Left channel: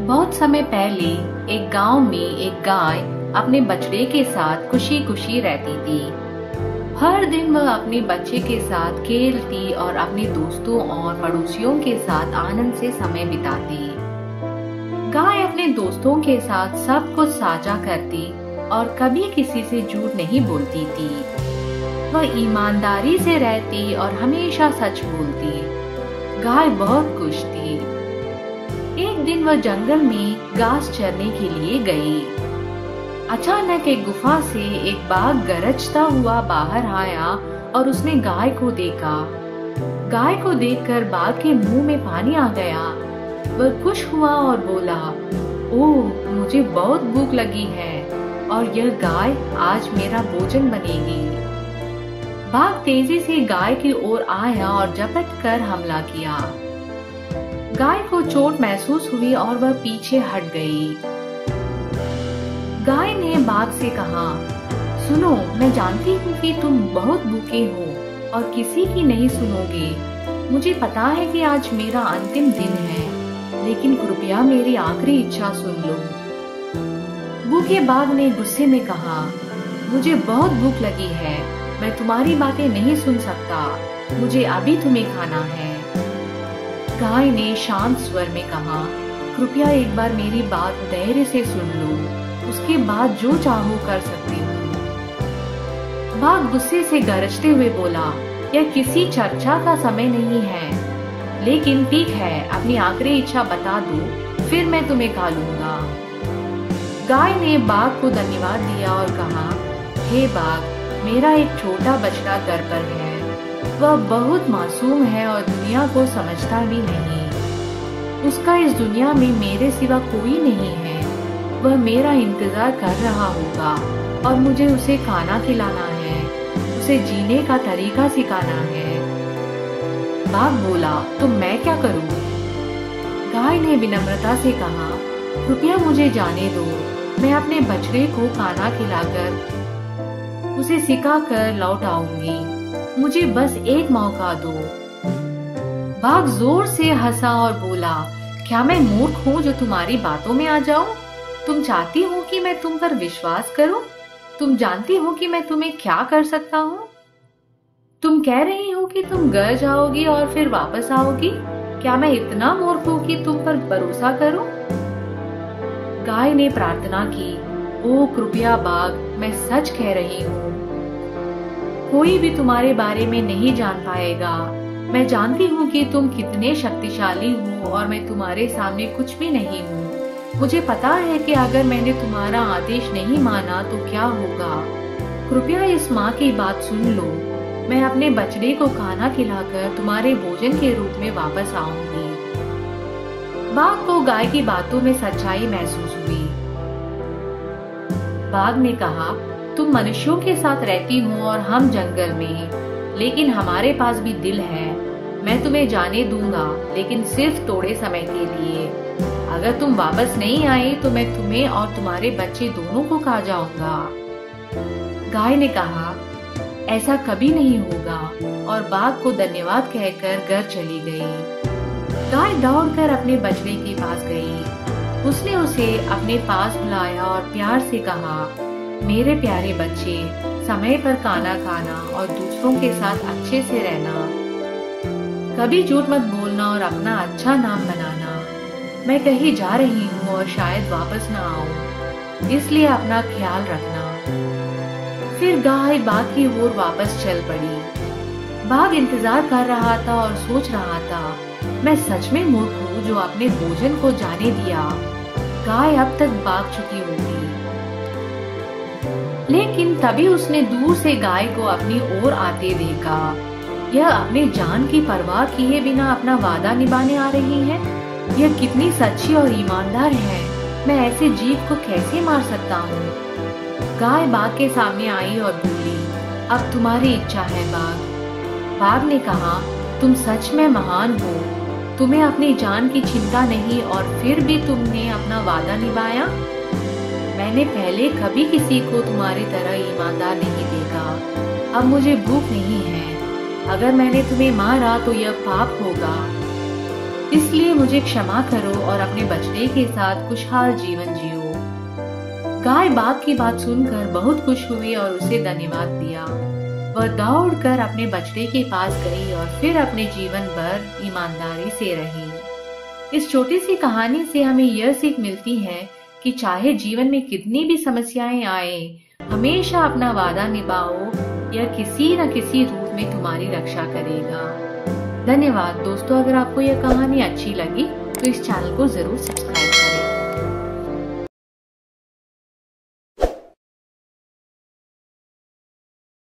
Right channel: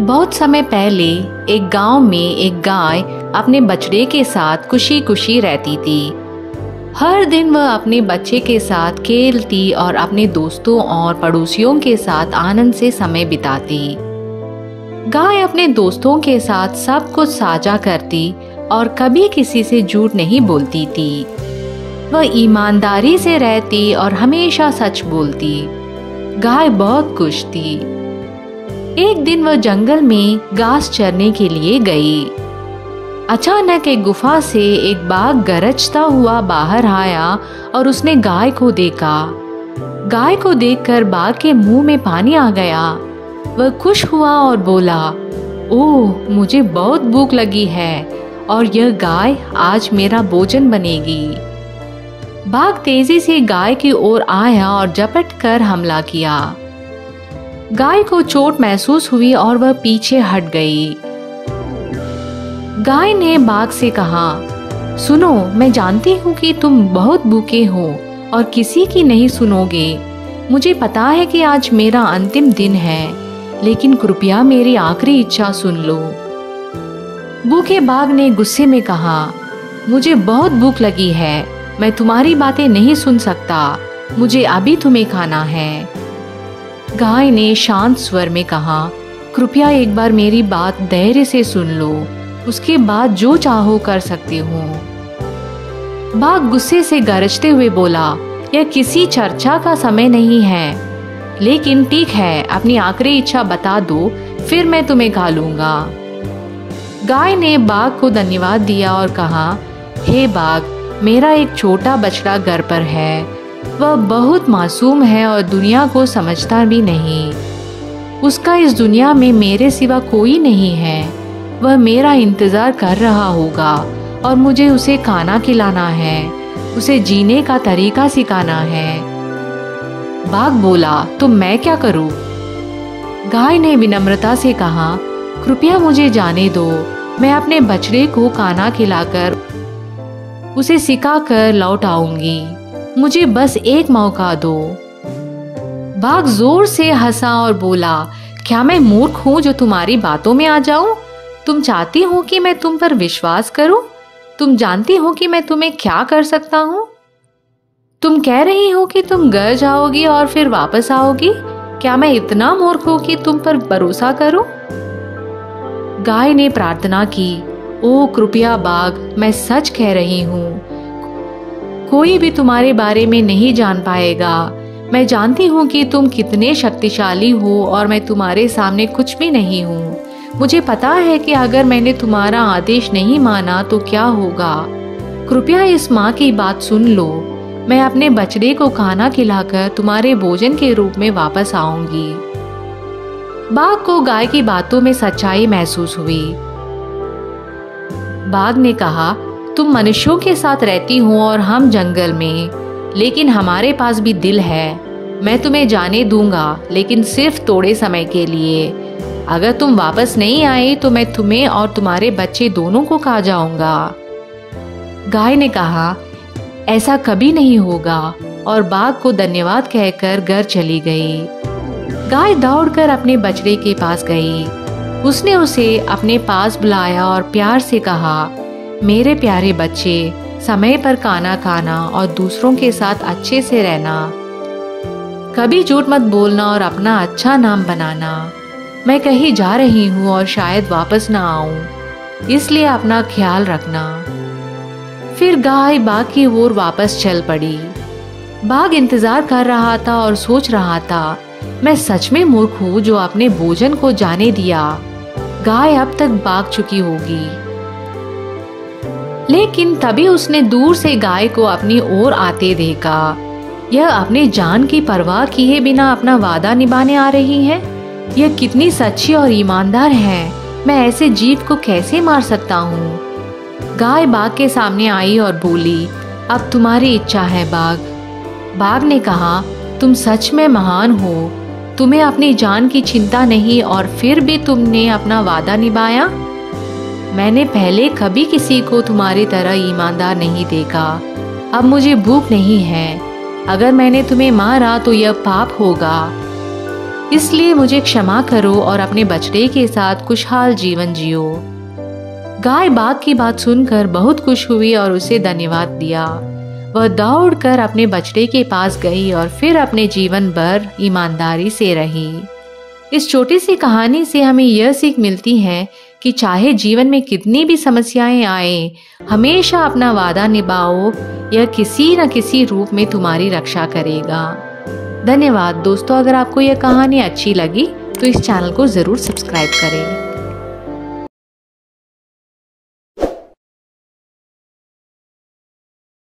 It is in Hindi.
बहुत समय पहले एक गांव में एक गाय अपने बछड़े के साथ खुशी खुशी रहती थी। हर दिन वह अपने बच्चे के साथ खेलती और अपने दोस्तों और पड़ोसियों के साथ आनंद से समय बिताती। गाय अपने दोस्तों के साथ सब कुछ साझा करती और कभी किसी से झूठ नहीं बोलती थी। वह ईमानदारी से रहती और हमेशा सच बोलती। गाय बहुत खुश थी। एक दिन वह जंगल में घास चरने के लिए गई। अचानक एक गुफा से एक बाघ गरजता हुआ बाहर आया और उसने गाय को देखा। गाय को देखकर बाघ के मुंह में पानी आ गया। वह खुश हुआ और बोला, ओह, मुझे बहुत भूख लगी है और यह गाय आज मेरा भोजन बनेगी। बाघ तेजी से गाय की ओर आया और झपट कर हमला किया। गाय को चोट महसूस हुई और वह पीछे हट गई। गाय ने बाघ से कहा, सुनो, मैं जानती हूँ कि तुम बहुत भूखे हो और किसी की नहीं सुनोगे। मुझे पता है कि आज मेरा अंतिम दिन है, लेकिन कृपया मेरी आखिरी इच्छा सुन लो। भूखे बाघ ने गुस्से में कहा, मुझे बहुत भूख लगी है, मैं तुम्हारी बातें नहीं सुन सकता। मुझे अभी तुम्हें खाना है। गाय ने शांत स्वर में कहा, कृपया एक बार मेरी बात धैर्य से सुन लो, उसके बाद जो चाहो कर सकते हो। बाघ गुस्से से गरजते हुए बोला, यह किसी चर्चा का समय नहीं है, लेकिन ठीक है, अपनी आखिरी इच्छा बता दो, फिर मैं तुम्हें खा लूंगा। गाय ने बाघ को धन्यवाद दिया और कहा, हे बाघ, मेरा एक छोटा बछड़ा घर पर है। वह बहुत मासूम है और दुनिया को समझता भी नहीं। उसका इस दुनिया में मेरे सिवा कोई नहीं है। वह मेरा इंतजार कर रहा होगा और मुझे उसे खाना खिलाना है, उसे जीने का तरीका सिखाना है। बाघ बोला, तो मैं क्या करूं? गाय ने विनम्रता से कहा, कृपया मुझे जाने दो, मैं अपने बछड़े को खाना खिलाकर उसे सिखाकर लौट आऊंगी। मुझे बस एक मौका दो। बाघ जोर से हंसा और बोला, क्या मैं मूर्ख हूँ जो तुम्हारी बातों में आ जाऊं? तुम चाहती हो कि मैं तुम पर विश्वास करूं? तुम जानती हो कि मैं तुम्हें क्या कर सकता हूँ? तुम कह रही हो कि तुम घर जाओगी और फिर वापस आओगी। क्या मैं इतना मूर्ख हूँ कि तुम पर भरोसा करूं? गाय ने प्रार्थना की, ओ कृपया बाघ, मैं सच कह रही हूँ, कोई भी तुम्हारे बारे में नहीं जान पाएगा। मैं जानती हूँ कि तुम कितने शक्तिशाली हो और मैं तुम्हारे सामने कुछ भी नहीं हूँ। मुझे पता है कि अगर मैंने तुम्हारा आदेश नहीं माना तो क्या होगा। कृपया इस माँ की बात सुन लो। मैं अपने बछड़े को खाना खिलाकर तुम्हारे भोजन के रूप में वापस आऊंगी। बाघ को गाय की बातों में सच्चाई महसूस हुई। बाघ ने कहा, तुम मनुष्यों के साथ रहती हो और हम जंगल में, लेकिन हमारे पास भी दिल है। मैं तुम्हें जाने दूंगा, लेकिन सिर्फ थोड़े समय के लिए। अगर तुम वापस नहीं आए तो मैं तुम्हें और तुम्हारे बच्चे दोनों को खा जाऊंगा। गाय ने कहा, ऐसा कभी नहीं होगा, और बाघ को धन्यवाद कहकर घर चली गई। गाय दौड़कर अपने बछड़े के पास गई। उसने उसे अपने पास बुलाया और प्यार से कहा, मेरे प्यारे बच्चे, समय पर खाना खाना और दूसरों के साथ अच्छे से रहना। कभी झूठ मत बोलना और अपना अच्छा नाम बनाना। मैं कहीं जा रही हूँ और शायद वापस ना आऊं, इसलिए अपना ख्याल रखना। फिर गाय बाघ की ओर वापस चल पड़ी। बाघ इंतजार कर रहा था और सोच रहा था, मैं सच में मूर्ख हूँ जो अपने भोजन को जाने दिया। गाय अब तक भाग चुकी होगी। लेकिन तभी उसने दूर से गाय को अपनी ओर आते देखा। यह अपने जान की परवाह किए बिना अपना वादा निभाने आ रही है। यह कितनी सच्ची और ईमानदार है। मैं ऐसे जीव को कैसे मार सकता हूँ? गाय बाघ के सामने आई और बोली, अब तुम्हारी इच्छा है बाघ। बाघ ने कहा, तुम सच में महान हो। तुम्हें अपनी जान की चिंता नहीं और फिर भी तुमने अपना वादा निभाया। मैंने पहले कभी किसी को तुम्हारी तरह ईमानदार नहीं देखा। अब मुझे भूख नहीं है। अगर मैंने तुम्हें मारा तो यह पाप होगा। इसलिए मुझे क्षमा करो और अपने बछड़े के साथ खुशहाल जीवन जियो। गाय बाघ की बात सुनकर बहुत खुश हुई और उसे धन्यवाद दिया। वह दौड़कर अपने बछड़े के पास गई और फिर अपने जीवन भर ईमानदारी से रही। इस छोटी सी कहानी से हमें यह सीख मिलती है कि चाहे जीवन में कितनी भी समस्याएं आए, हमेशा अपना वादा निभाओ, यह किसी न किसी रूप में तुम्हारी रक्षा करेगा। धन्यवाद दोस्तों। अगर आपको यह कहानी अच्छी लगी तो इस चैनल को ज़रूर सब्सक्राइब करें।